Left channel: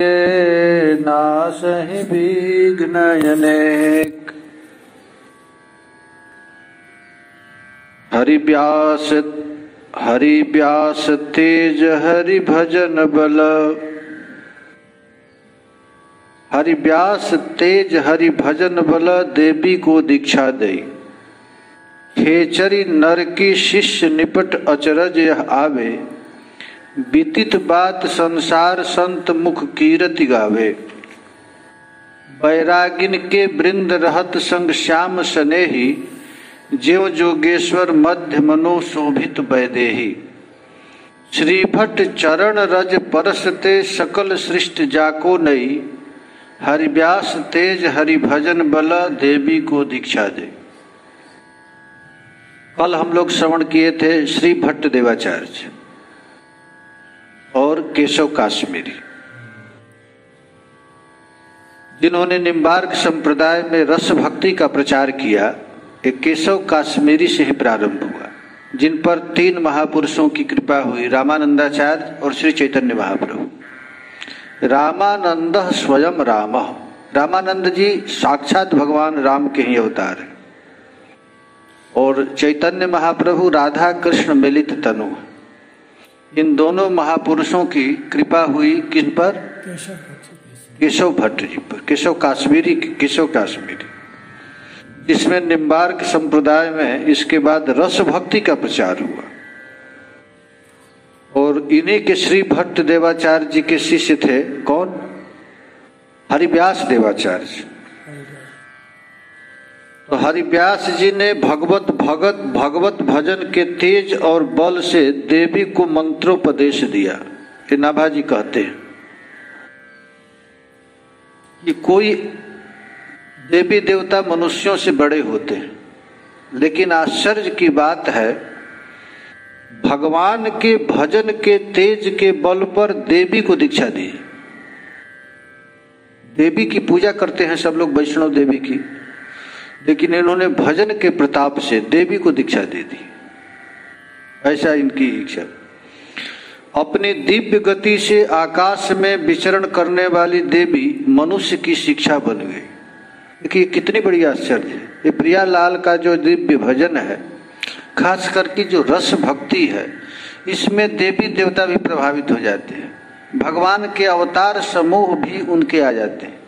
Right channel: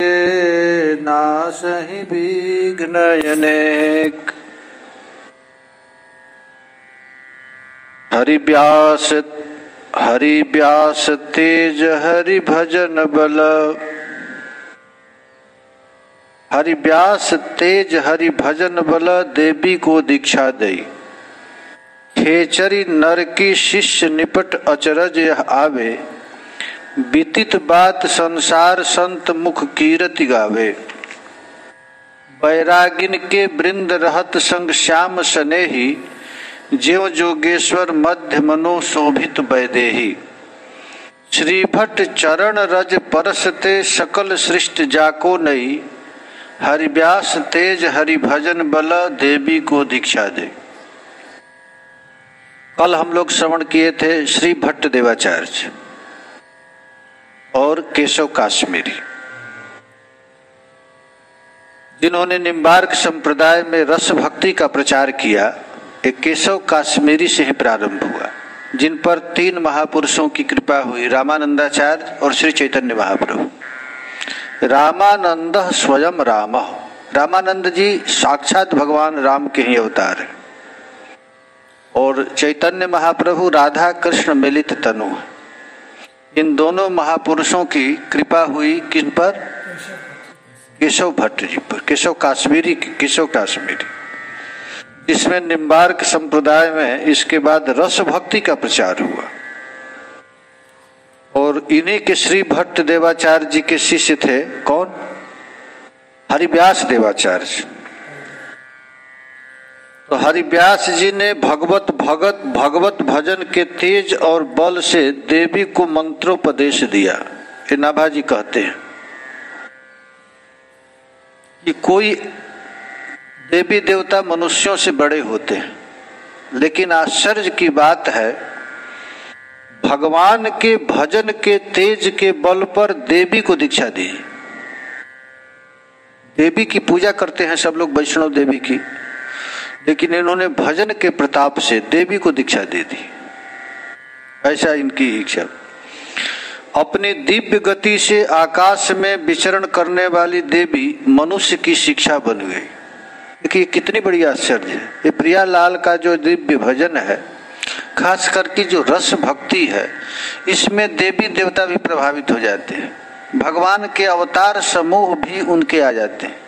नासहि विघ्नयनेक। हरि व्यास तेज हरि भजन बल। हरि व्यास तेज हरि भजन बल देवी को दीक्षा दई। खेचरी नर की शिष्य निपट अचरज यह आवे। बीतित बात संसार संत मुख कीरति गावे। बैरागिन के वृंद रहत संग श्याम सनेही। ज्यों जोगेश्वर मध्य मनो शोभित वैदेही। श्री भट्ट चरण रज परसते सकल सृष्टि जाको नई। हरि व्यास तेज हरि भजन बल देवी को दीक्षा दे। कल हम लोग श्रवण किए थे श्री भट्ट देवाचार्य और केशव काश्मीरी, जिन्होंने निम्बार्क संप्रदाय में रस भक्ति का प्रचार किया। एक केशव काश्मीरी से ही प्रारंभ हुआ, जिन पर 3 महापुरुषों की कृपा हुई, रामानंदाचार्य और श्री चैतन्य महाप्रभु। रामानंद स्वयं राम, रामानंद जी साक्षात भगवान राम के ही अवतार है। और चैतन्य महाप्रभु राधा कृष्ण मिलित तनु। इन दोनों महापुरुषों की कृपा हुई किन पर? केशव भट्ट जी पर, केशव काश्मीरी, जिसमें निम्बार्क संप्रदाय में इसके बाद रस भक्ति का प्रचार हुआ। और इन्हीं के श्री भट्ट देवाचार्य जी के शिष्य थे कौन? हरिव्यास देवाचार्य। तो हरिव्यास जी ने भगवत भजन के तेज और बल से देवी को मंत्रोपदेश दिया। ये नाभाजी कहते हैं कि कोई देवी देवता मनुष्यों से बड़े होते हैं, लेकिन आश्चर्य की बात है भगवान के भजन के तेज के बल पर देवी को दीक्षा दी। देवी की पूजा करते हैं सब लोग, वैष्णव देवी की, लेकिन इन्होंने भजन के प्रताप से देवी को दीक्षा दे दी। ऐसा इनकी इच्छा। अपनी दिव्य गति से आकाश में विचरण करने वाली देवी मनुष्य की शिक्षा बन गई। देखिए कितनी बड़ी आश्चर्य है। ये प्रियालाल का जो दिव्य भजन है, खास करके जो रस भक्ति है, इसमें देवी देवता भी प्रभावित हो जाते हैं। भगवान के अवतार समूह भी उनके आ जाते हैं।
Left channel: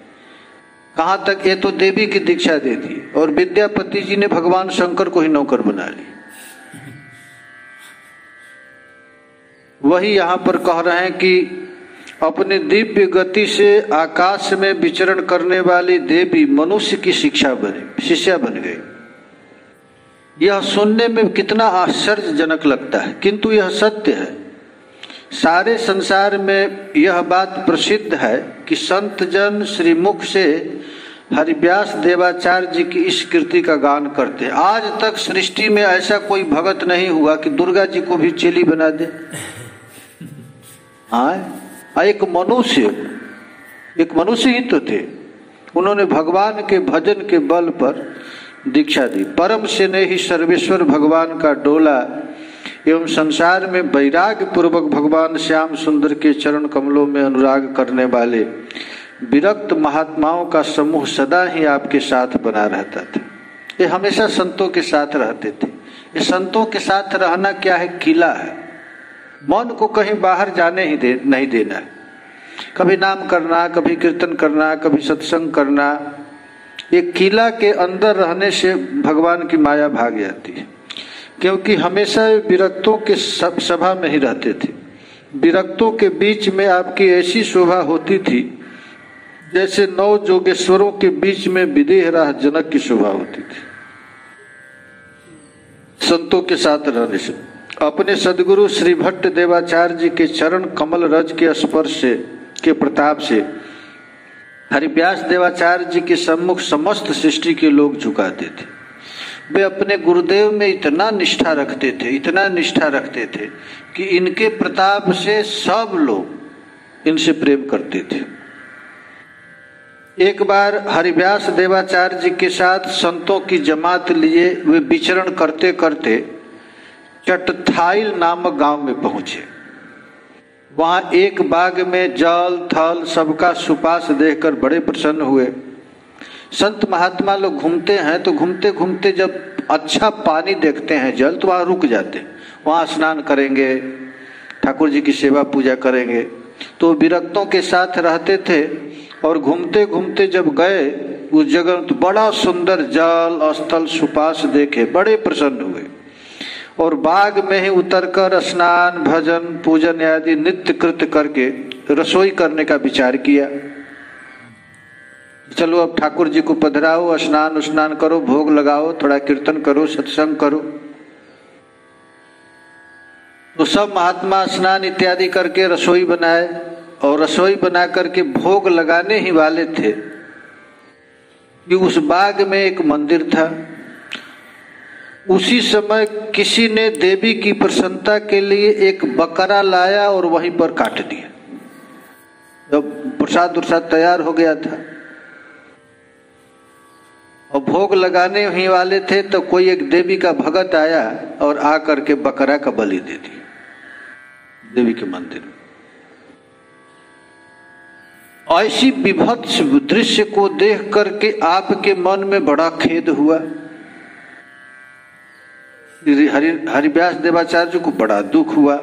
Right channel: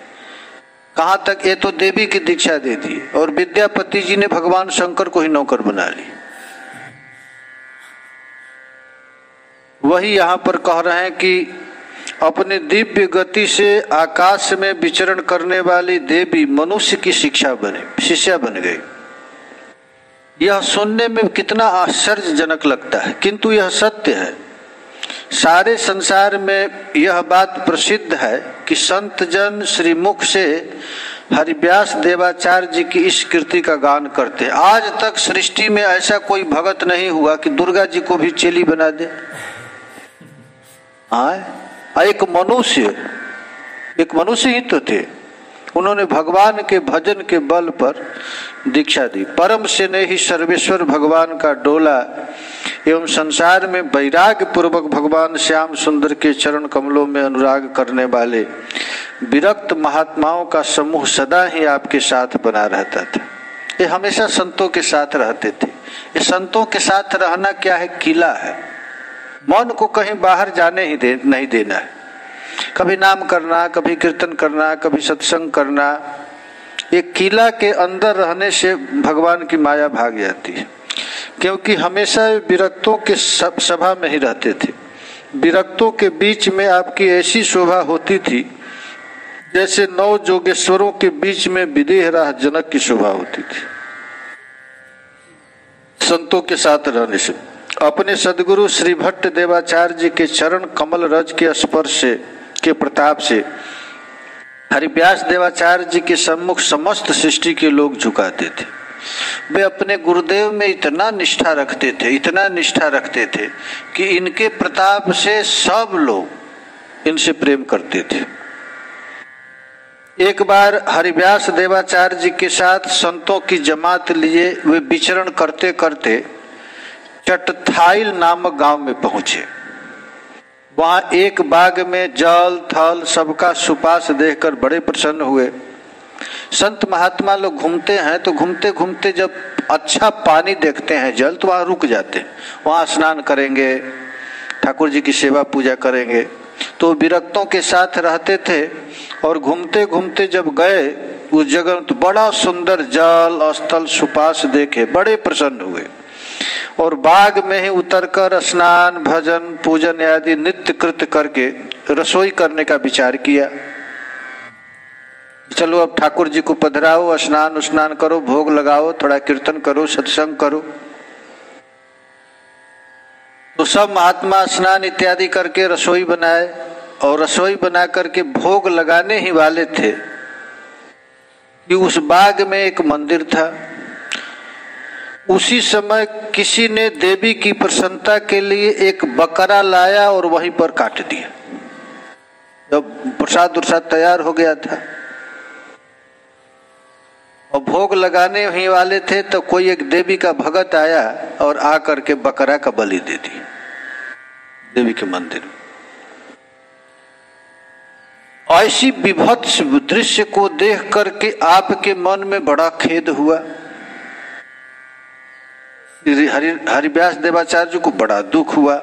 कहाँ तक? ये तो देवी की दीक्षा दे दी और विद्यापति जी ने भगवान शंकर को ही नौकर बना ली। वही यहाँ पर कह रहे हैं कि अपनी दिव्य गति से आकाश में विचरण करने वाली देवी मनुष्य की शिष्या बन गई। यह सुनने में कितना आश्चर्यजनक लगता है, किंतु यह सत्य है। सारे संसार में यह बात प्रसिद्ध है कि संत जन श्रीमुख से हरिव्यास देवाचार्य जी की इस कृति का गान करते। आज तक सृष्टि में ऐसा कोई भगत नहीं हुआ कि दुर्गा जी को भी चेली बना दे। एक मनुष्य ही तो थे। उन्होंने भगवान के भजन के बल पर दीक्षा दी। परम से नहीं सर्वेश्वर भगवान का डोला एवं संसार में वैराग्य पूर्वक भगवान श्याम सुंदर के चरण कमलों में अनुराग करने वाले विरक्त महात्माओं का समूह सदा ही आपके साथ बना रहता था। ये हमेशा संतों के साथ रहते थे। ये संतों के साथ रहना क्या है? किला है। मन को कहीं बाहर जाने ही नहीं देना है। कभी नाम करना, कभी कीर्तन करना, कभी सत्संग करना। एक किला के अंदर रहने से भगवान की माया भाग जाती है, क्योंकि हमेशा विरक्तों के सभा में ही रहते थे। विरक्तों के बीच में आपकी ऐसी शोभा होती थी जैसे 9 जोगेश्वरों के बीच में विदेह राह जनक की शोभा होती थी। संतों के साथ रहने से अपने सदगुरु श्री भट्ट देवाचार्य जी के चरण कमल रज के स्पर्श के प्रताप से हरिव्यास देवाचार्य जी के सम्मुख समस्त सृष्टि के लोग झुकाते थे। वे अपने गुरुदेव में इतना निष्ठा रखते थे कि इनके प्रताप से सब लोग इनसे प्रेम करते थे। एक बार हरिव्यास देवाचार्य जी के साथ संतों की जमात लिए वे विचरण करते करते चटथाइल नामक गांव में पहुंचे। वहां एक बाग में जल थल सबका सुपास देखकर बड़े प्रसन्न हुए। संत महात्मा लोग घूमते हैं तो घूमते घूमते जब अच्छा पानी देखते हैं, जल, तो वहां रुक जाते हैं, वहां स्नान करेंगे, ठाकुर जी की सेवा पूजा करेंगे। तो विरक्तों के साथ रहते थे और घूमते घूमते जब गए उस जगह तो बड़ा सुंदर जल स्थल सुपास देखे, बड़े प्रसन्न हुए और बाग में ही उतरकर स्नान भजन पूजन आदि नित्य कृत्य करके रसोई करने का विचार किया। चलो अब ठाकुर जी को पधराओ, स्नान स्नान करो, भोग लगाओ, थोड़ा कीर्तन करो, सत्संग करो। तो सब महात्मा स्नान इत्यादि करके रसोई बनाए और रसोई बना करके भोग लगाने ही वाले थे कि उस बाग में एक मंदिर था। उसी समय किसी ने देवी की प्रसन्नता के लिए एक बकरा लाया और वहीं पर काट दिया। जब प्रसाद उरसाद तैयार हो गया था और भोग लगाने ही वाले थे तो कोई एक देवी का भगत आया और आकर के बकरा का बलि दे दिया देवी के मंदिर में। ऐसी विभत्स दृश्य को देख करके आपके मन में बड़ा खेद हुआ। हरिव्यास देवाचार्य जी को बड़ा दुख हुआ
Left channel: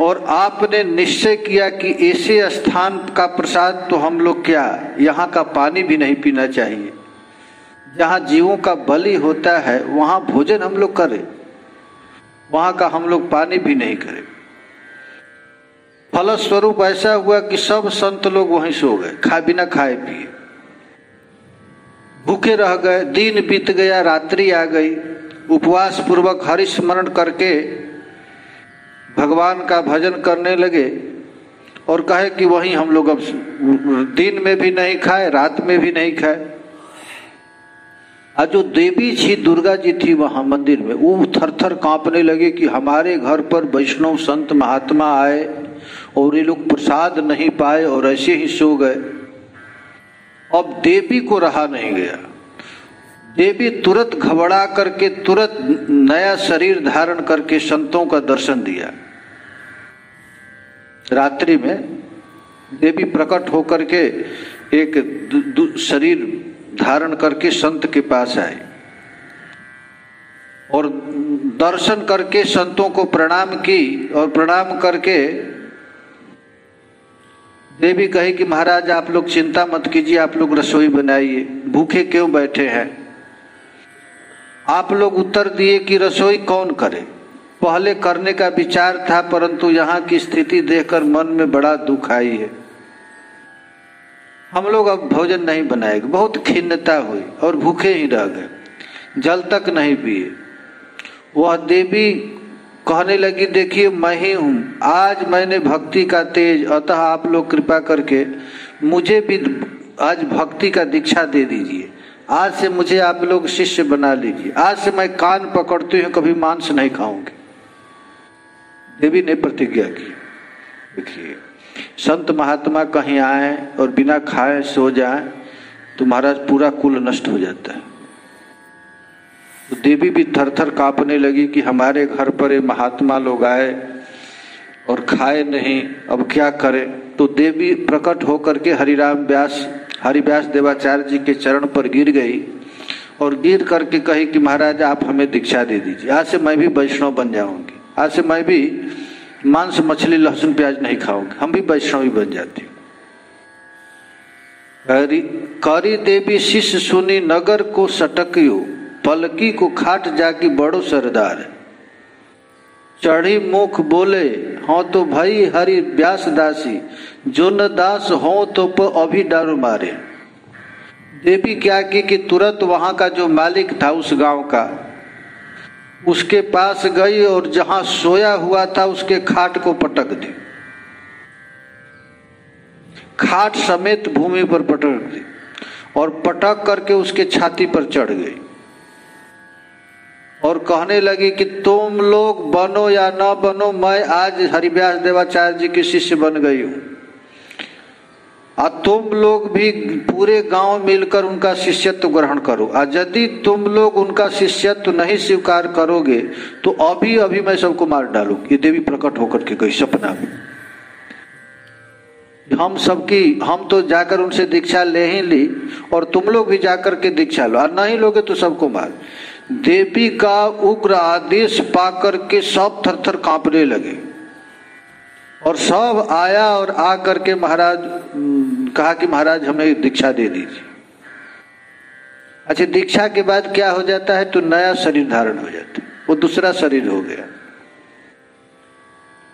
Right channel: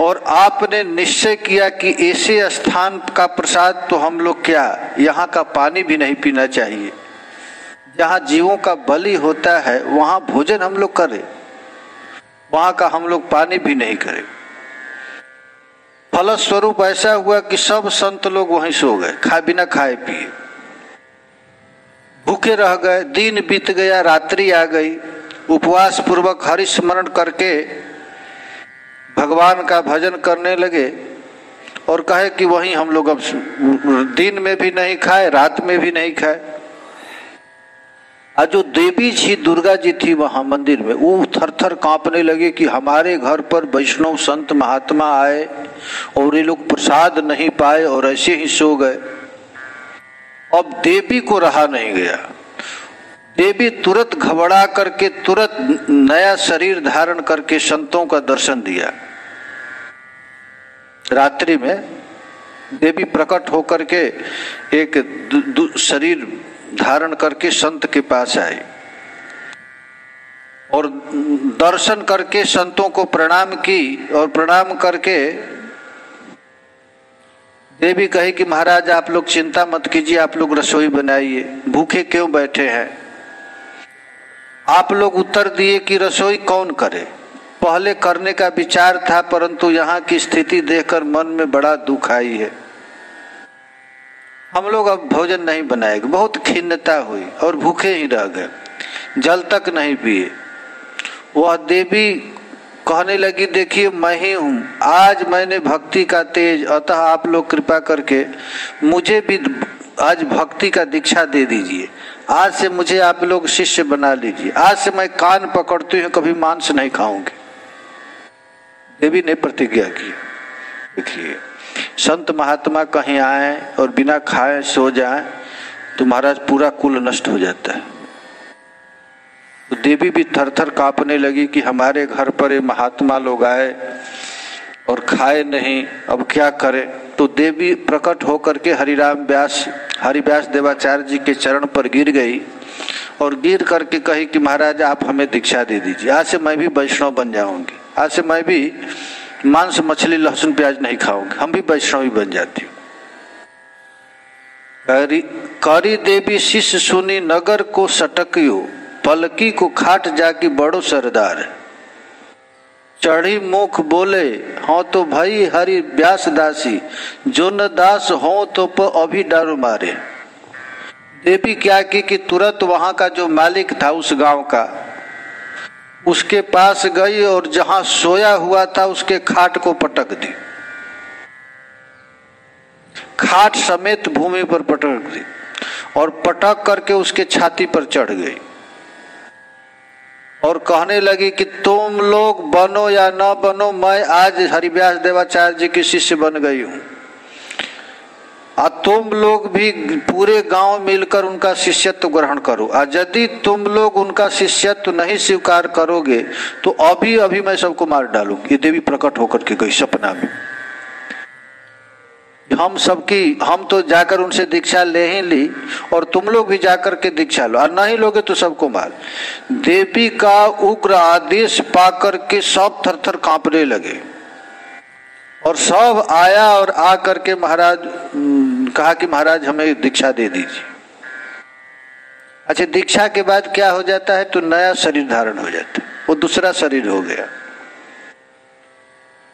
और आपने निश्चय किया कि ऐसे स्थान का प्रसाद तो हम लोग क्या, यहाँ का पानी भी नहीं पीना चाहिए। जहाँ जीवों का बलि होता है वहाँ भोजन हम लोग करें, वहाँ का हम लोग पानी भी नहीं करें। फलस्वरूप ऐसा हुआ कि सब संत लोग वहीं सो गए, बिना खाए पिए भूखे रह गए। दिन बीत गया, रात्रि आ गई। उपवास पूर्वक हरि स्मरण करके भगवान का भजन करने लगे और कहे कि वहीं हम लोग अब दिन में भी नहीं खाए, रात में भी नहीं खाए। और जो देवी जी दुर्गा जी थी वहां मंदिर में, वो थर थर कांपने लगे कि हमारे घर पर वैष्णव संत महात्मा आए और ये लोग प्रसाद नहीं पाए और ऐसे ही सो गए। अब देवी को रहा नहीं गया। देवी तुरंत घबरा करके तुरंत नया शरीर धारण करके संतों का दर्शन दिया। रात्रि में देवी प्रकट होकर के एक शरीर धारण करके संत के पास आए और दर्शन करके संतों को प्रणाम की और प्रणाम करके देवी कही कि महाराज आप लोग चिंता मत कीजिए, आप लोग रसोई बनाइए, भूखे क्यों बैठे हैं। आप लोग उत्तर दिए कि रसोई कौन करे। पहले करने का विचार था परंतु यहाँ की स्थिति देखकर मन में बड़ा दुख आई है, हम लोग अब भोजन नहीं बनाएंगे। बहुत खिन्नता हुई और भूखे ही रह गए, जल तक नहीं पिए। वह देवी कहने लगी देखिए मैं ही हूँ, आज मैंने भक्ति का तेज, अतः आप लोग कृपा करके मुझे भी आज भक्ति का दीक्षा दे दीजिए। आज से मुझे आप लोग शिष्य बना लीजिए। आज से मैं कान पकड़ती हूँ, कभी मांस नहीं खाऊंगी। देवी ने प्रतिज्ञा की। देखिए संत महात्मा कहीं आए और बिना खाए सो जाए तो महाराज पूरा कुल नष्ट हो जाता है। तो देवी भी थर थर कांपने लगी कि हमारे घर पर ये महात्मा लोग आए और खाए नहीं, अब क्या करें। तो देवी प्रकट होकर के हरिव्यास देवाचार्य जी के चरण पर गिर गई और गिर करके कही कि महाराज आप हमें दीक्षा दे दीजिए, आज से मैं भी वैष्णव बन जाऊंगी, आज से मैं भी मांस मछली लहसुन प्याज नहीं खाऊंगी, हम भी वैष्णव ही बन जाती हूँ। करी देवी शिष्य सुनी नगर को सटकियो, पलकी को खाट जाकी बड़ो सरदार। चढ़ी मुख बोले हो तो भाई हरि व्यास दासी, जो न दास हो तो अभी डर मारे। देवी क्या की कि तुरंत वहां का जो मालिक था उस गांव का, उसके पास गई और जहां सोया हुआ था उसके खाट को पटक दी, खाट समेत भूमि पर पटक दी और पटक करके उसके छाती पर चढ़ गई और कहने लगी कि तुम लोग बनो या न बनो, मैं आज हरिव्यास देवाचार्य जी की शिष्य बन गई हूं। और तुम लोग भी पूरे गांव मिलकर उनका शिष्यत्व ग्रहण करो, और यदि तुम लोग उनका शिष्यत्व नहीं स्वीकार करोगे तो अभी अभी मैं सबको मार डालूं। ये देवी प्रकट होकर के गई सपना में। हम तो जाकर उनसे दीक्षा ले ही ली, और तुम लोग भी जाकर के दीक्षा लो, और नहीं लोगे तो सबको मार। देवी का उग्र आदेश पाकर के सब थर-थर कांपने लगे, और सब आया और आ करके महाराज कहा कि महाराज हमें दीक्षा दे दीजिए। अच्छा, दीक्षा के बाद क्या हो जाता है? तो नया शरीर धारण हो जाता है, वो दूसरा शरीर हो गया।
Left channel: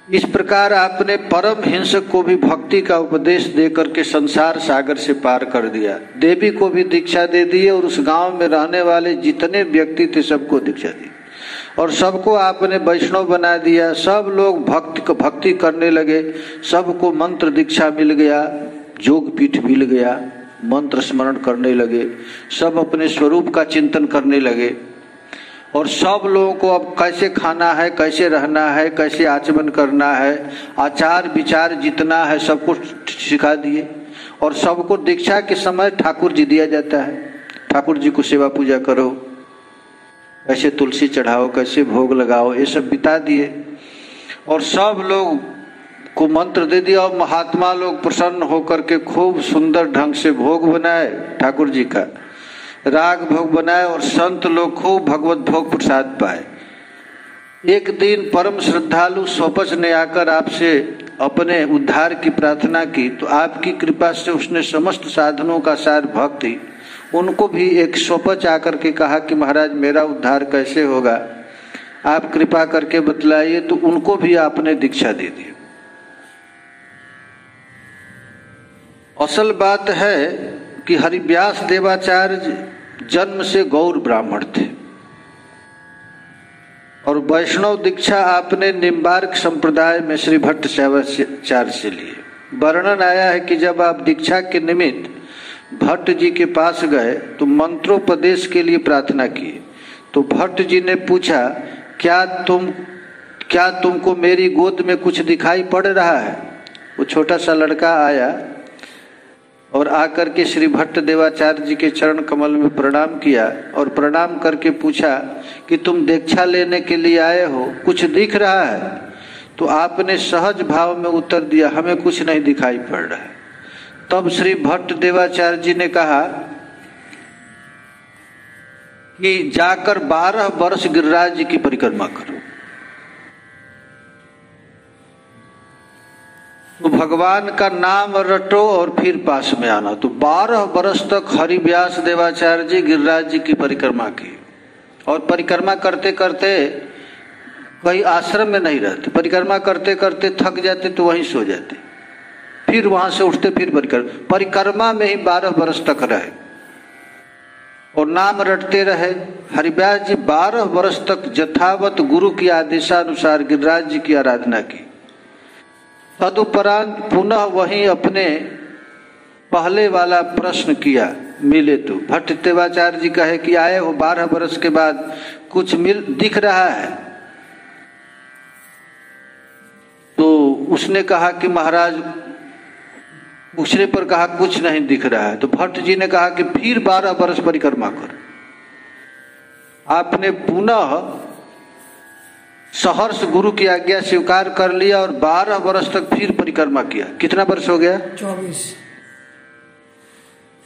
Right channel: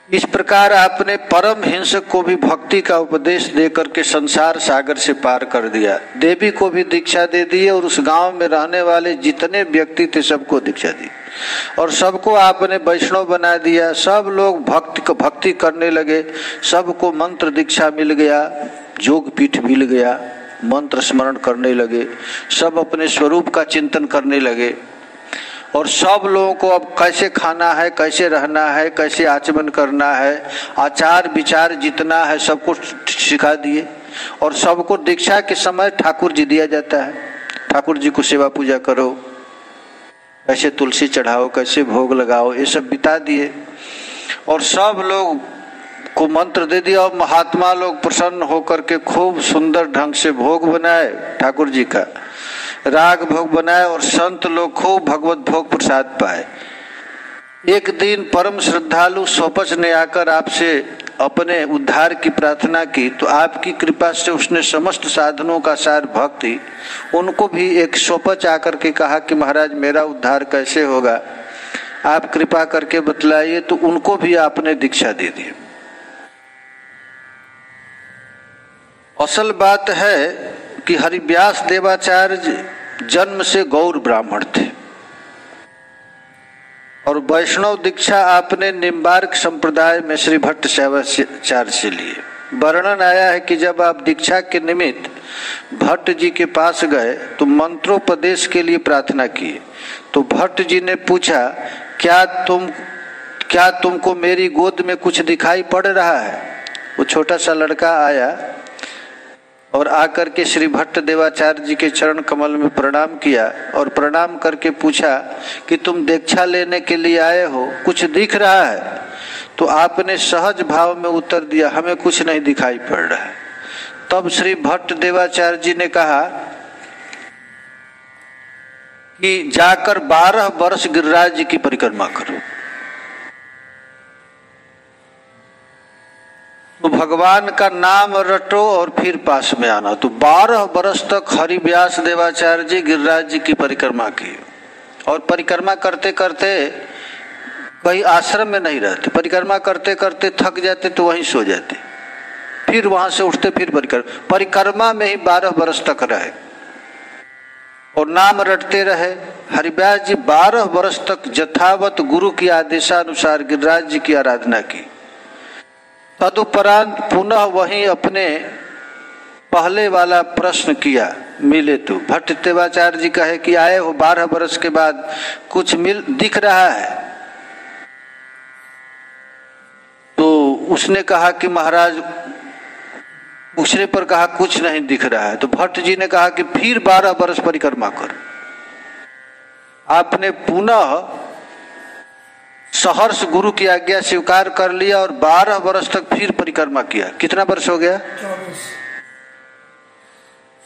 इस प्रकार आपने परम हिंसक को भी भक्ति का उपदेश देकर के संसार सागर से पार कर दिया। देवी को भी दीक्षा दे दी, और उस गांव में रहने वाले जितने व्यक्ति थे सबको दीक्षा दी, और सबको आपने वैष्णव बना दिया। सब लोग भक्ति करने लगे, सबको मंत्र दीक्षा मिल गया, योग पीठ मिल गया, मंत्र स्मरण करने लगे, सब अपने स्वरूप का चिंतन करने लगे, और सब लोगों को अब कैसे खाना है, कैसे रहना है, कैसे आचमन करना है, आचार विचार जितना है सबको सिखा दिए। और सबको दीक्षा के समय ठाकुर जी दिया जाता है, ठाकुर जी को सेवा पूजा करो, कैसे तुलसी चढ़ाओ, कैसे भोग लगाओ, ये सब बिता दिए। और सब लोग को मंत्र दे दिया, और महात्मा लोग प्रसन्न होकर के खूब सुंदर ढंग से भोग बनाए, ठाकुर जी का राग भोग बनाए, और संत लोग खूब भगवत भोग प्रसाद पाए। एक दिन परम श्रद्धालु सोपच ने आकर आपसे अपने उद्धार की प्रार्थना की, तो आपकी कृपा से उसने समस्त साधनों का सार भक्ति, उनको भी एक सोपच आकर के कहा कि महाराज मेरा उद्धार कैसे होगा, आप कृपा करके बतलाइए। तो उनको भी आपने दीक्षा दे दी। असल बात है कि हरिव्यास देवाचार्य जन्म से गौर ब्राह्मण थे, और वैष्णव दीक्षा आपने निम्बार्क संप्रदाय में श्री भट्ट शिवाचार्य से लिए। वर्णन आया है कि जब आप दीक्षा के निमित्त भट्ट जी के पास गए तो मंत्रोपदेश के लिए प्रार्थना की, तो भट्ट जी ने पूछा क्या तुमको मेरी गोद में कुछ दिखाई पड़ रहा है? वो छोटा सा लड़का आया और आकर के श्री भट्ट देवाचार्य जी के चरण कमल में प्रणाम किया, और प्रणाम करके पूछा कि तुम दीक्षा लेने के लिए आए हो, कुछ दिख रहा है? तो आपने सहज भाव में उत्तर दिया, हमें कुछ नहीं दिखाई पड़ रहा है। तब श्री भट्ट देवाचार्य जी ने कहा कि जाकर 12 वर्ष गिरिराज जी की परिक्रमा करो, तो भगवान का नाम रटो और फिर पास में आना। तो 12 वर्ष तक हरिव्यास देवाचार्य जी गिरिराज जी की परिक्रमा की, और परिक्रमा करते करते कहीं आश्रम में नहीं रहते, परिक्रमा करते करते थक जाते तो वहीं सो जाते, फिर वहां से उठते, फिर परिक्रमा में ही 12 वर्ष तक रहे और नाम रटते रहे। हरिव्यास जी 12 वर्ष तक यथावत गुरु की आदेशानुसार गिरिराज जी की आराधना की। तदुपरांत पुनः वही अपने पहले वाला प्रश्न किया, मिले तो भट्ट देवाचार्य जी कहे कि आए हो 12 वर्ष के बाद, कुछ दिख रहा है? तो उसने कहा कि महाराज, पूछने पर कहा कुछ नहीं दिख रहा है। तो भट्ट जी ने कहा कि फिर 12 वर्ष परिक्रमा करो। आपने पुनः सहर्ष गुरु की आज्ञा स्वीकार कर लिया और 12 वर्ष तक फिर परिक्रमा किया। कितना वर्ष हो गया?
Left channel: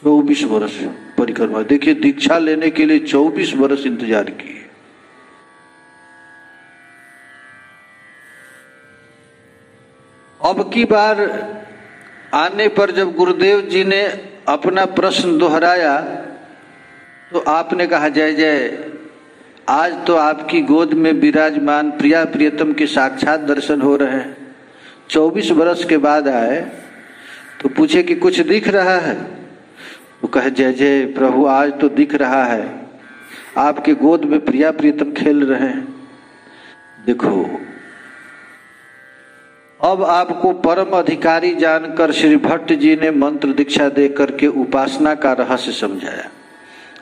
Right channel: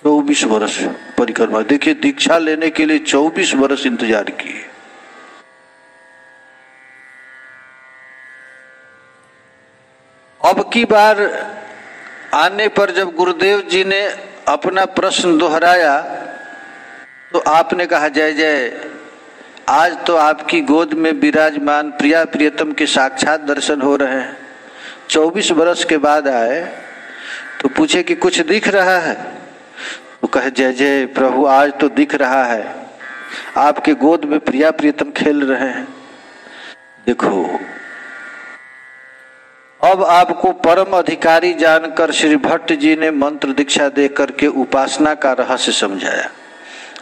24 वर्ष परिक्रमा। देखिए, दीक्षा लेने के लिए 24 वर्ष इंतजार किए। अब की बार आने पर जब गुरुदेव जी ने अपना प्रश्न दोहराया तो आपने कहा, जय जय, आज तो आपकी गोद में विराजमान प्रिया प्रियतम के साक्षात दर्शन हो रहे हैं। 24 वर्ष के बाद आए तो पूछे कि कुछ दिख रहा है? तो कहे, जय जय प्रभु, आज तो दिख रहा है, आपके गोद में प्रिया प्रियतम खेल रहे हैं। देखो, अब आपको परम अधिकारी जानकर श्री भट्ट जी ने मंत्र दीक्षा दे करके उपासना का रहस्य समझाया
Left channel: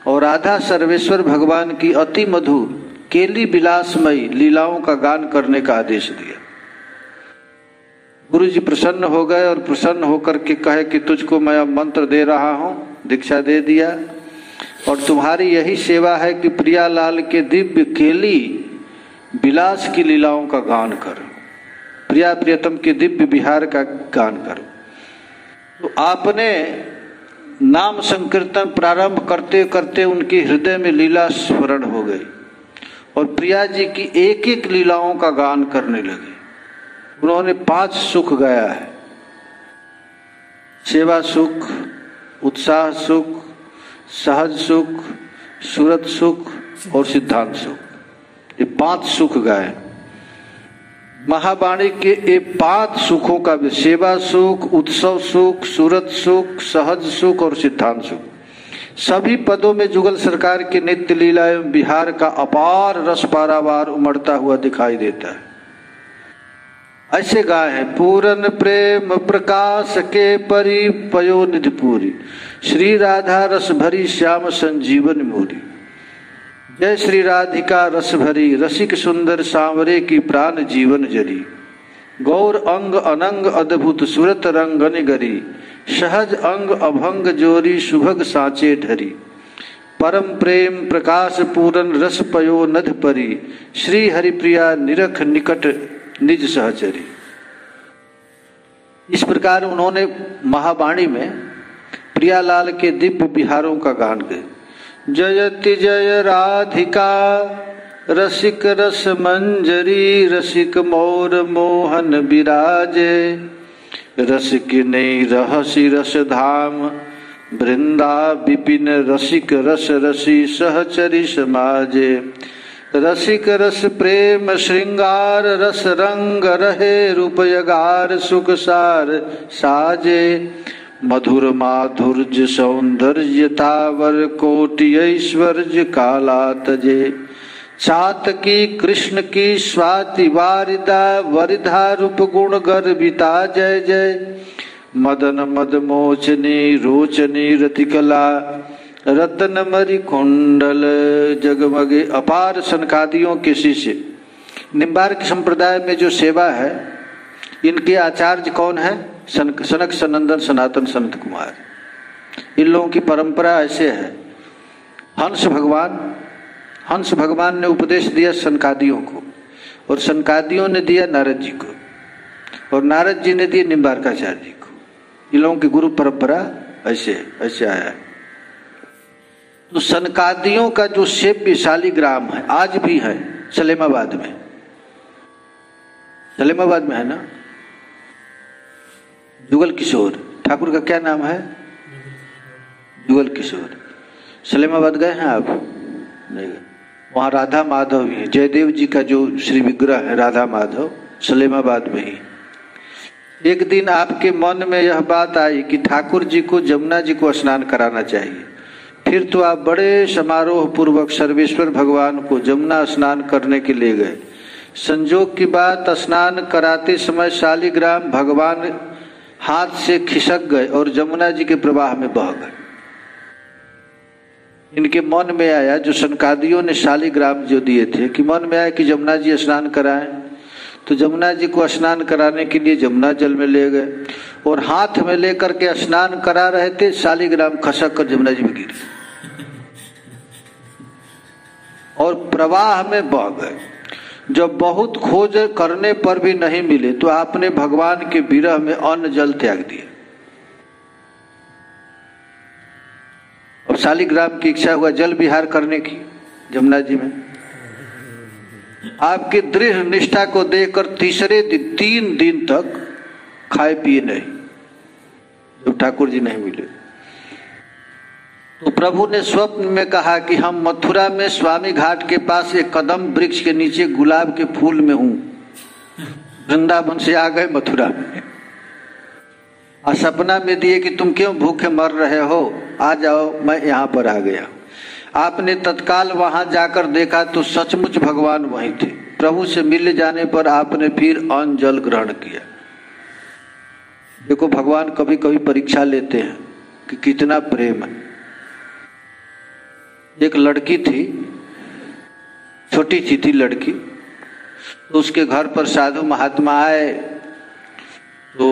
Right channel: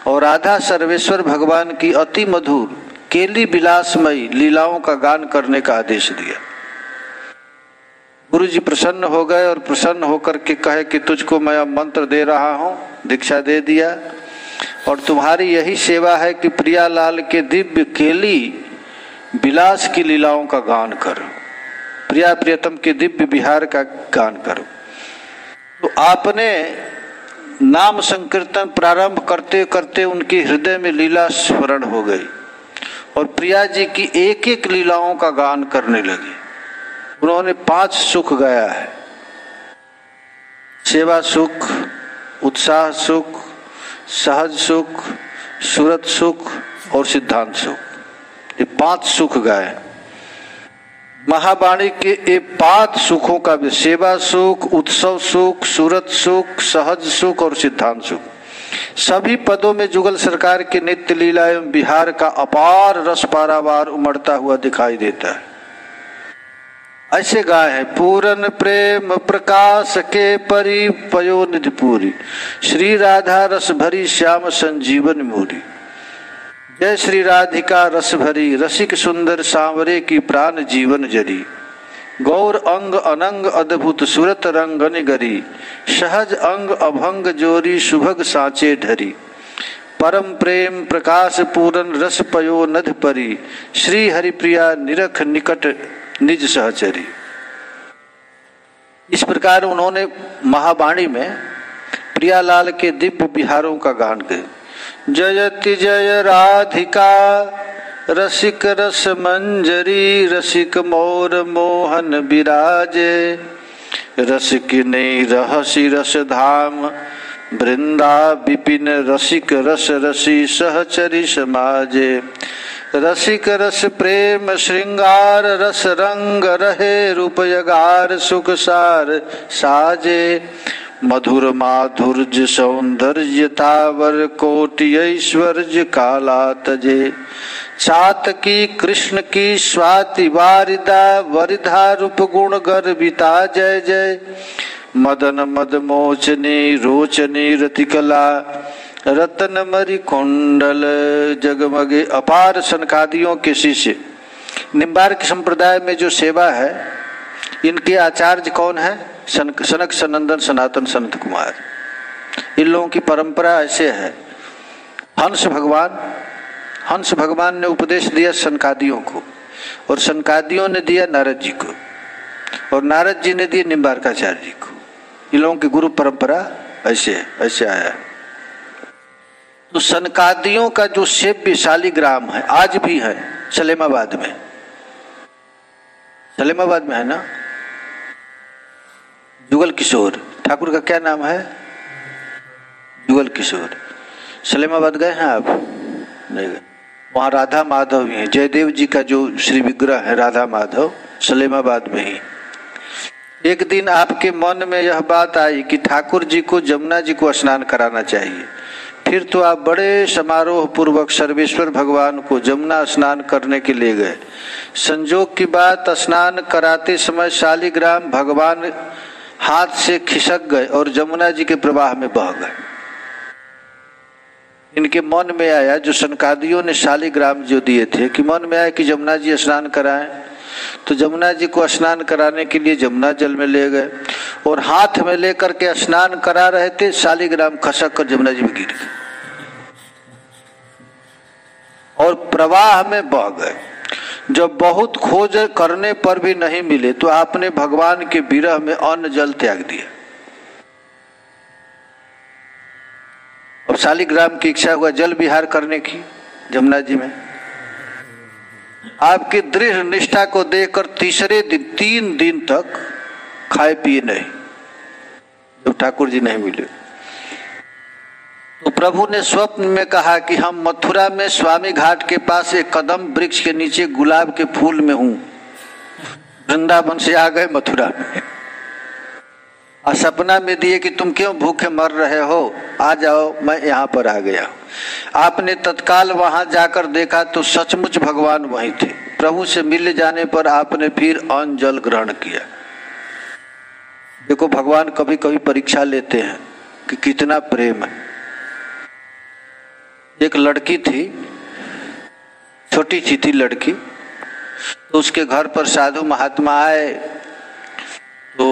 और राधा सर्वेश्वर भगवान की अति मधुर केली विलासमयी लीलाओं का गान करने का आदेश दिया। गुरु जी प्रसन्न हो गए और प्रसन्न होकर के कहे कि तुझको मैं अब मंत्र दे रहा हूँ, दीक्षा दे दिया, और तुम्हारी यही सेवा है कि प्रियालाल के दिव्य केली विलास की लीलाओं का गान करो, प्रिया प्रियतम के दिव्य विहार का गान करो। तो आपने नाम संकीर्तन प्रारंभ करते करते उनके हृदय में लीला स्मरण हो गई और प्रिया जी की एक एक लीलाओं का गान करने लगे। उन्होंने 5 सुख गाया है, सेवा सुख, उत्साह सुख, सहज सुख, सूरत सुख और सिद्धांत सुख। ये 5 सुख गाए। महावाणी के ये 5 सुखों का भी, सेवा सुख, उत्सव सुख, सूरत सुख, सहज सुख और सिद्धांत सुख, सभी पदों में जुगल सरकार के नित्य लीला एवं बिहार का अपार रस पारावार उमड़ता हुआ दिखाई देता है। ऐसे गाय है, पूरन प्रेम प्रकाश के परि पयो निधि पूरी, श्री राधा रस भरी श्याम संजीवन मूरी। जय श्री राधिका रस भरी, रसिक सुंदर सांवरे की प्राण जीवन जरी। गौर अंग अनंग अद्भुत सुरत रंगन गरी, सहज अंग अभंग जोरी सुभग साचे ढरी। परम प्रेम प्रकाश पूरन रस पयो नध परी, श्री हरिप्रिया निरख निकट निज सहचरी। इस प्रकार उन्होंने महावाणी में प्रियालाल के दिव्य विहारों का गान किया। जयति जय राधिका रसिक रस मंजरी, रसिक मोर मोहन विराजे। रसिक नहीं रहसी रस धाम, वृंदा विपिन रसिक रस रसी सहचरी समाजे। रसिक रस प्रेम श्रृंगार, रस रंग रहे रूपयगार, सुख सार साजे। मधुर माधुर्य सौंदर्यतावर, कोटि ऐश्वर्य काला तजे। चातकी कृष्ण की स्वाति वारिदा, वरिधा रूप गुण गर्विता जय जय। मदन मद मोचनी रोचनी रतिकला, रतन मरी कुंडल जगमगे। अपार सनकादियों के शिष्य निम्बार्क संप्रदाय में जो सेवा है, इनके आचार्य कौन है? सनक सनंदन सनातन संत कुमार। इन लोगों की परंपरा ऐसे है। हंस भगवान ने उपदेश दिया सनकादियों को, और सनकादियों ने दिया नारद जी को, और नारद जी ने दिया निम्बार्काचार्य जी को। इन लोगों की गुरु परंपरा ऐसे आया है। तो सनकादियों का जो सेव्य शालिग्राम है, आज भी है सलेमाबाद में। सलेमाबाद में है ना, जुगल किशोर ठाकुर का क्या नाम है? जुगल किशोर। सलेमाबाद गए हैं आप? नहीं गए। वहाँ राधा माधव भी है। जयदेव जी का जो श्री विग्रह है राधा माधव, सलेमाबाद में ही। एक दिन आपके मन में यह बात आई कि ठाकुर जी को जमुना जी को स्नान कराना चाहिए। फिर तो आप बड़े समारोह पूर्वक सर्वेश्वर भगवान को जमुना स्नान करने के लिए गए। संजोग की बात, स्नान कराते समय शालिग्राम भगवान हाथ से खिसक गए और जमुना जी के प्रवाह में बह गए। इनके मन में आया, जो सनकादियों ने शालिग्राम जो दिए थे, कि मन में आया कि जमुना जी स्नान कराएं। तो जमुना जी को स्नान कराने के लिए जमुना जल में ले गए और हाथ में लेकर के स्नान करा रहे थे। शालिग्राम खसक कर जमुना जी में गिर गए और प्रवाह में बह गए। जब बहुत खोज करने पर भी नहीं मिले तो आपने भगवान के विरह में अन्न जल त्याग दिया और शालिग्राम की इच्छा हुआ जल विहार करने की जमुना जी में। आपकी दृढ़ निष्ठा को देखकर तीसरे दिन 3 दिन तक खाए पिए नहीं, जब ठाकुर जी नहीं मिले। तो प्रभु ने स्वप्न में कहा कि हम मथुरा में स्वामी घाट के पास एक कदम वृक्ष के नीचे गुलाब के फूल में हूं। वृंदावन से आ गए मथुरा में और सपना में दिए कि तुम क्यों भूखे मर रहे हो, आ जाओ, मैं यहाँ पर आ गया। आपने तत्काल वहां जाकर देखा तो सचमुच भगवान वहीं थे। प्रभु से मिल जाने पर आपने फिर अन्न जल ग्रहण किया। देखो, भगवान कभी कभी परीक्षा लेते हैं कि कितना प्रेम है। एक लड़की थी, छोटी सी थी लड़की, तो उसके घर पर साधु महात्मा आए तो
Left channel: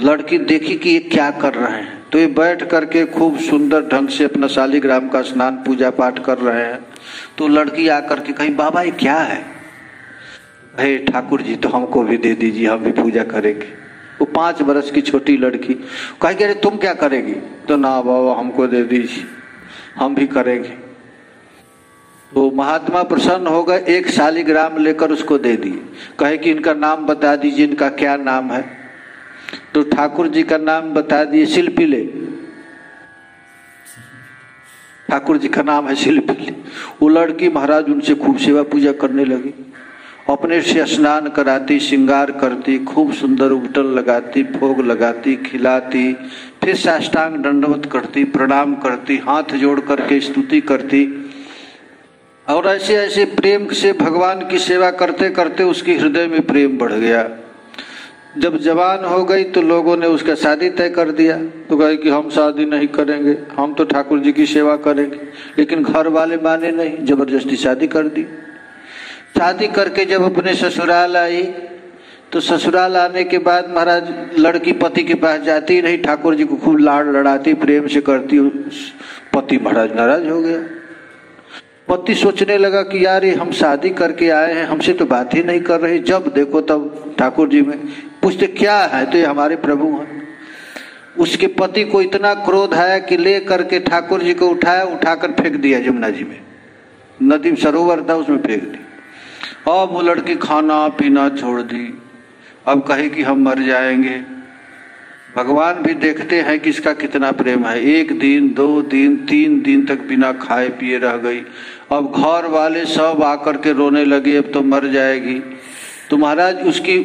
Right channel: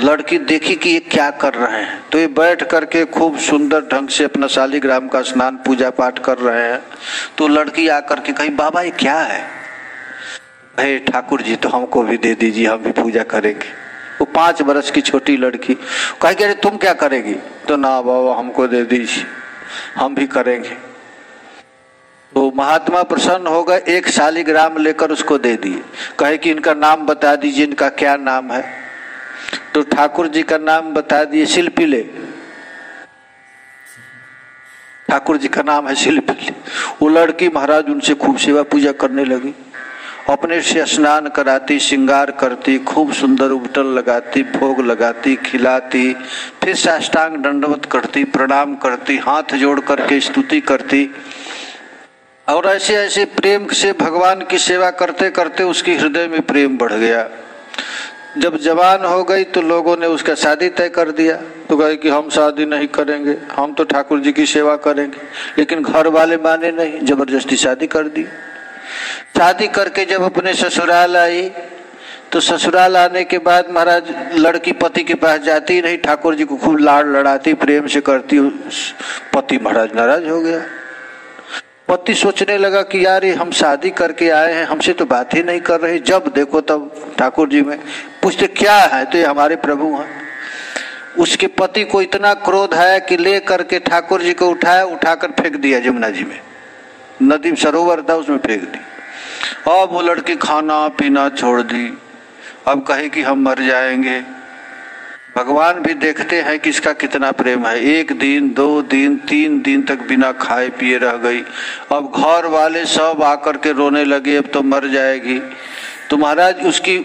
लड़की देखी कि ये क्या कर रहे हैं, तो ये बैठ करके खूब सुंदर ढंग से अपना शालिग्राम का स्नान पूजा पाठ कर रहे हैं। तो लड़की आकर के कही, बाबा ये क्या है? हे ठाकुर जी, तो हमको भी दे दीजिए, हम भी पूजा करेंगे। वो 5 वर्ष की छोटी लड़की कहेगी, अरे तुम क्या करेगी? तो ना बाबा हमको दे दीजिए, हम भी करेंगे। तो महात्मा प्रसन्न हो गए, 1 शालिग्राम लेकर उसको दे दिए। कहे कि इनका नाम बता दीजिए, इनका क्या नाम है? तो ठाकुर जी का नाम बता दिए, शिल्पीले। ठाकुर जी का नाम है शिल्पीले। वो लड़की महाराज उनसे खूब सेवा पूजा करने लगी, अपने से स्नान कराती, श्रृंगार करती, खूब सुंदर उबटन लगाती, भोग लगाती, खिलाती, फिर साष्टांग दंडवत करती, प्रणाम करती, हाथ जोड़ करके स्तुति करती। और ऐसे ऐसे प्रेम से भगवान की सेवा करते करते उसकी हृदय में प्रेम बढ़ गया। जब जवान हो गई तो लोगों ने उसका शादी तय कर दिया। तो कहे कि हम शादी नहीं करेंगे, हम तो ठाकुर जी की सेवा करेंगे। लेकिन घर वाले माने नहीं, जबरदस्ती शादी कर दी। शादी करके जब अपने ससुराल आई तो ससुराल आने के बाद महाराज लड़की पति के पास जाती नहीं, ठाकुर जी को खूब लाड़ लड़ाती, प्रेम से करती। पति महाराज नाराज हो गया। पति सोचने लगा कि यार ये हम शादी करके आए हैं, हमसे तो बात ही नहीं कर रहे। जब देखो तब ठाकुर जी में पूछते क्या है, तो ये हमारे प्रभु हैं। उसके पति को इतना क्रोध है कि ले करके ठाकुर जी को उठाया, उठाकर फेंक दिया जमुना जी में। नदी सरोवर था, उसमें फेंक दी। अब वो लड़की खाना पीना छोड़ दी। अब कहे कि हम मर जाएंगे। भगवान भी देखते हैं कि इसका कितना प्रेम है। 1 दिन 2 दिन 3 दिन तक बिना खाए पिए रह गई। अब घर वाले सब आकर के रोने लगे, अब तो मर जाएगी। तो महाराज उसकी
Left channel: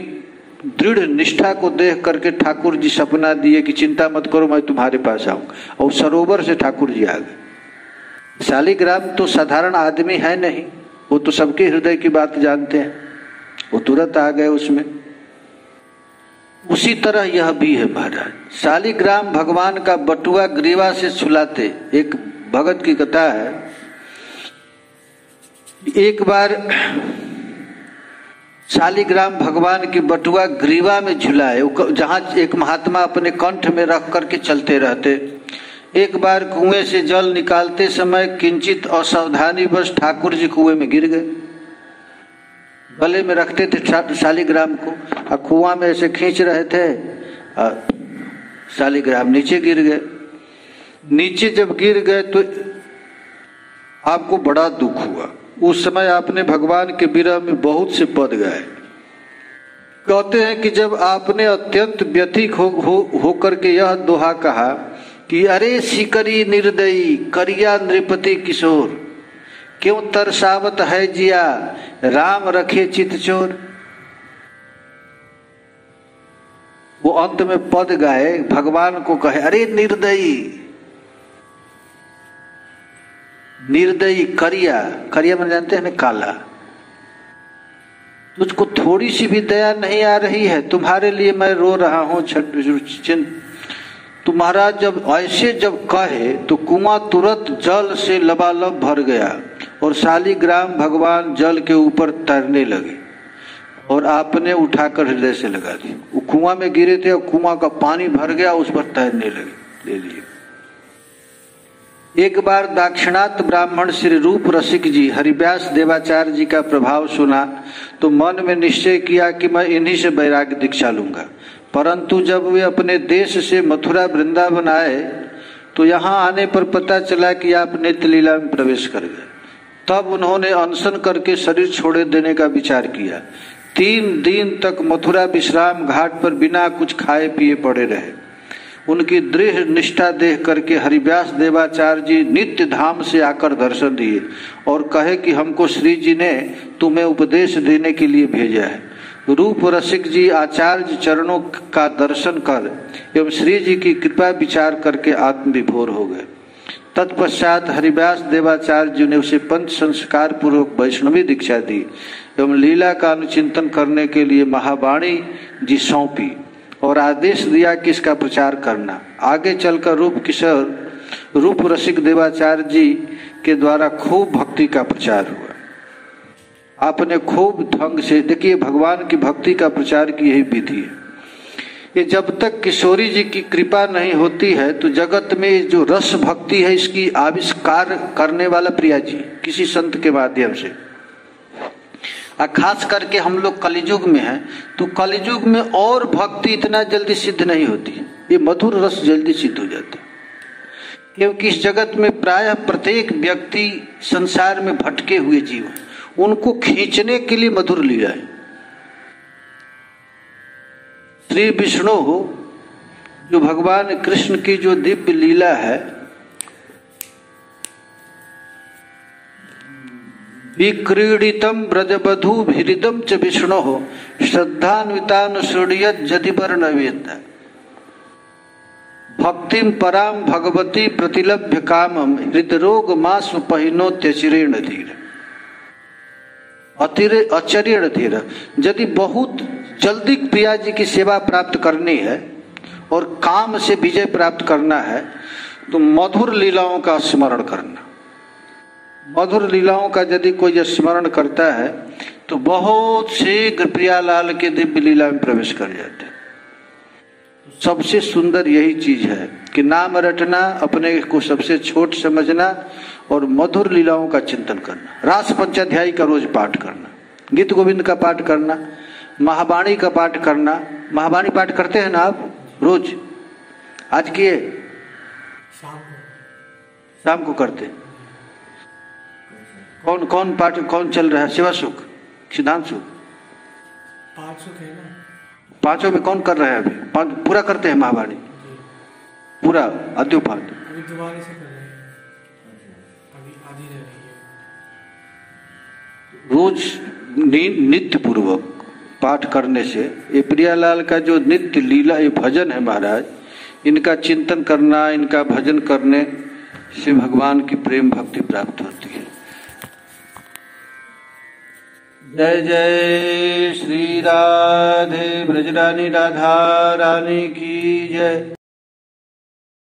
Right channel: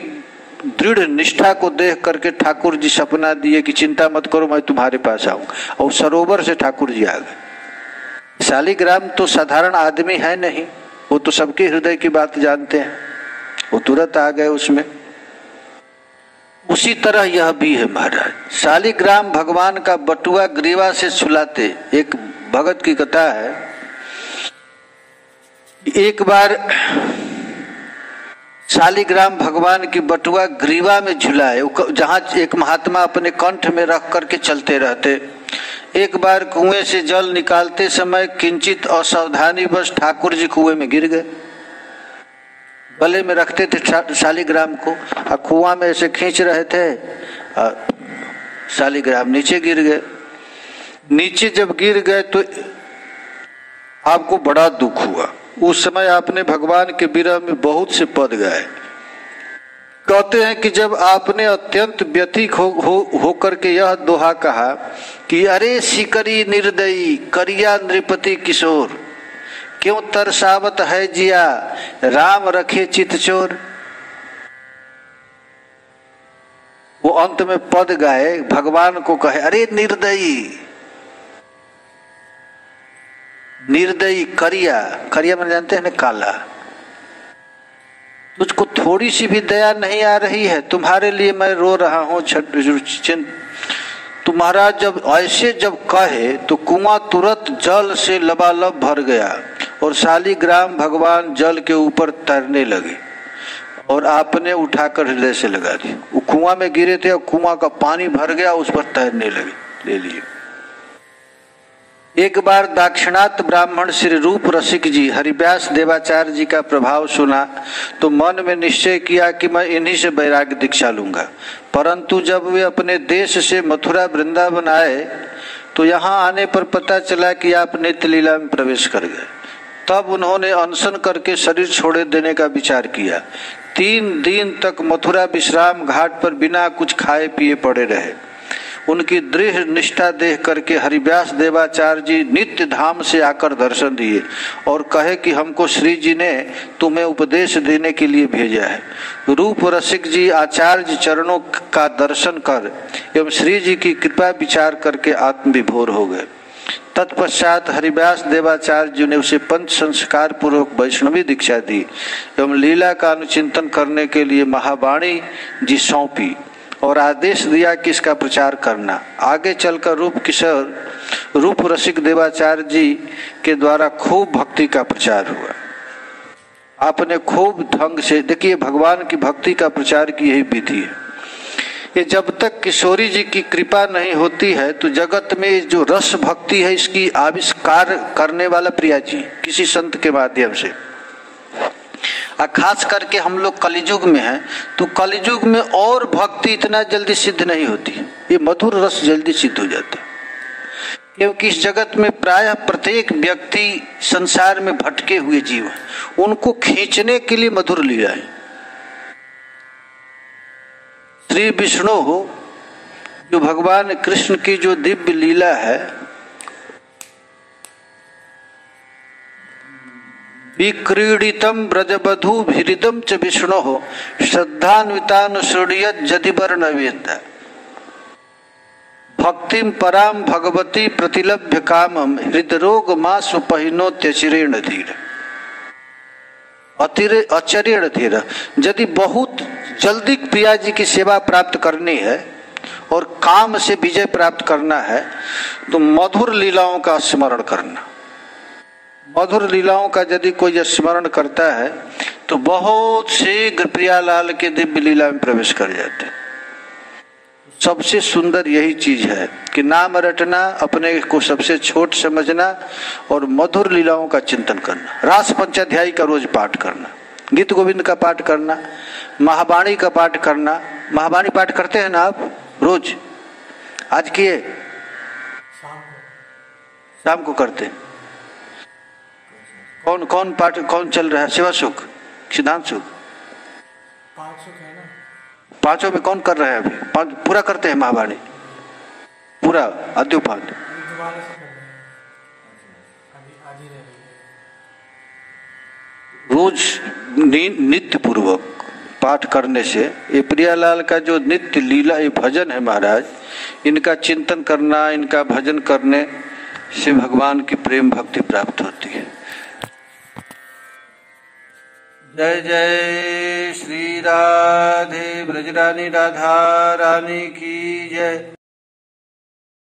दृढ़ निष्ठा को देख करके ठाकुर जी सपना दिए कि चिंता मत करो, मैं तुम्हारे पास आऊंगा। और सरोवर से ठाकुर जी आ गए। शालिग्राम तो साधारण आदमी है नहीं, वो तो सबके हृदय की बात जानते हैं। वो तुरंत आ गए उसमें। उसी तरह यह भी है महाराज। शालिग्राम भगवान का बटुआ ग्रीवा से छुलाते। एक भगत की कथा है, एक बार शालिग्राम भगवान की बटुआ ग्रीवा में झुलाए, जहां एक महात्मा अपने कंठ में रख करके चलते रहते। एक बार कुएं से जल निकालते समय किंचित असावधानी बस ठाकुर जी कुएं में गिर गए। गले में रखते थे शालिग्राम को, और कुआं में ऐसे खींच रहे थे और शालिग्राम नीचे गिर गए। नीचे जब गिर गए तो आपको बड़ा दुख हुआ। उस समय आपने भगवान के विरह में बहुत से पद गाए। कहते हैं कि जब आपने अत्यंत व्यथित हो करके यह दोहा कहा कि अरे सिकरी निर्दयी करिया नृपति किशोर, क्यों तरसावत है जिया राम रखे चित चोर। वो अंत में पद गाए, भगवान को कहे अरे निर्दयी, निर्दयी करिया, करिया मैंने जानते हैं ना काला, तुझको थोड़ी सी भी दया नहीं आ रही है, तुम्हारे लिए मैं रो रहा हूं। तुम्हारा जब ऐसे जब कहे तो कुआं तुरंत जल से लबालब भर गया और शालिग्राम भगवान जल के ऊपर तैरने लगे और आपने उठाकर हृदय से लगा दी। वो कुआं में गिरे थे और कुआं का पानी भर गया, उस पर तैरने लगे, ले लिए। एक बार दाक्षिणात्य ब्राह्मण श्री रूप रसिक जी हरिव्यास देवाचार्य जी का प्रभाव सुना तो मन में निश्चय किया कि मैं इन्हीं से वैराग्य दीक्षा लूंगा। परंतु जब वे अपने देश से मथुरा वृंदावन आए तो यहाँ आने पर पता चला कि आप नित्य लीला में प्रवेश कर गए। तब उन्होंने अनशन करके शरीर छोड़े देने का विचार किया। 3 दिन तक मथुरा विश्राम घाट पर बिना कुछ खाए पिए पड़े रहे। उनकी दृढ़ निष्ठा देख करके हरिव्यास देवाचार्य जी नित्य धाम से आकर दर्शन दिए और कहे कि हमको श्री जी ने तुम्हें उपदेश देने के लिए भेजा है। रूप रसिक जी आचार्य चरणों का दर्शन कर एवं श्री जी की कृपा विचार करके आत्मविभोर हो गए। तत्पश्चात हरिव्यास देवाचार्य जी ने उसे पंच संस्कार पूर्वक वैष्णवी दीक्षा दी एवं लीला का अनुचिंतन करने के लिए महावाणी जी सौंपी और आदेश दिया कि इसका प्रचार करना। आगे चलकर रूप रसिक देवाचार्य जी के द्वारा खूब भक्ति का प्रचार हुआ। आपने खूब ढंग से, देखिए भगवान की भक्ति का प्रचार की यही विधि है। ये जब तक किशोरी जी की कृपा नहीं होती है तो जगत में जो रस भक्ति है इसकी आविष्कार करने वाला प्रिया जी किसी संत के माध्यम से। और खास करके हम लोग कलियुग में हैं तो कलियुग में और भक्ति इतना जल्दी सिद्ध नहीं होती, ये मधुर रस जल्दी सिद्ध हो जाता है। क्योंकि इस जगत में प्रायः प्रत्येक व्यक्ति संसार में भटके हुए जीव हैं, उनको खींचने के लिए मधुर लीला है। श्री विष्णु हो जो भगवान कृष्ण की जो दिव्य लीला है, विक्रीडितम ब्रजबधू भिरिदम च विष्णु हो श्रद्धान्वितान शृणुयत यदि वर्णवेत भक्तिम पराम भगवती प्रतिलभ्य कामम हृदरोग मा स्वपहिनोत्यचिरेण धीर अचरेण धीर। यदि बहुत जल्दी प्रिया जी की सेवा प्राप्त करनी है और काम से विजय प्राप्त करना है तो मधुर लीलाओं का स्मरण करना। मधुर लीलाओं का यदि कोई स्मरण करता है तो बहुत शीघ्र प्रियालाल के दिव्य लीला में प्रवेश कर जाते हैं। सबसे सुंदर यही चीज है कि नाम रटना, अपने को सबसे छोट समझना और मधुर लीलाओं का चिंतन करना। रास पंचाध्यायी का रोज पाठ करना, गीत गोविंद का पाठ करना, महावाणी का पाठ करना। महावाणी पाठ करते हैं ना आप रोज? आज किए? शाम को करते हैं। कौन कौन पाठ कौन चल रहा है? शिवा सुख, सिद्धांत सुख, पांचों में कौन कर रहा है? अभी पूरा करते हैं महावाणी पूरा अद्योपात। रोज नित्य पूर्वक पाठ करने से ये प्रियालाल का जो नित्य लीला ये भजन है महाराज, इनका चिंतन करना, इनका भजन करने से भगवान की प्रेम भक्ति प्राप्त होती है। जय जय श्री राधे ब्रजरानी राधा रानी की जय।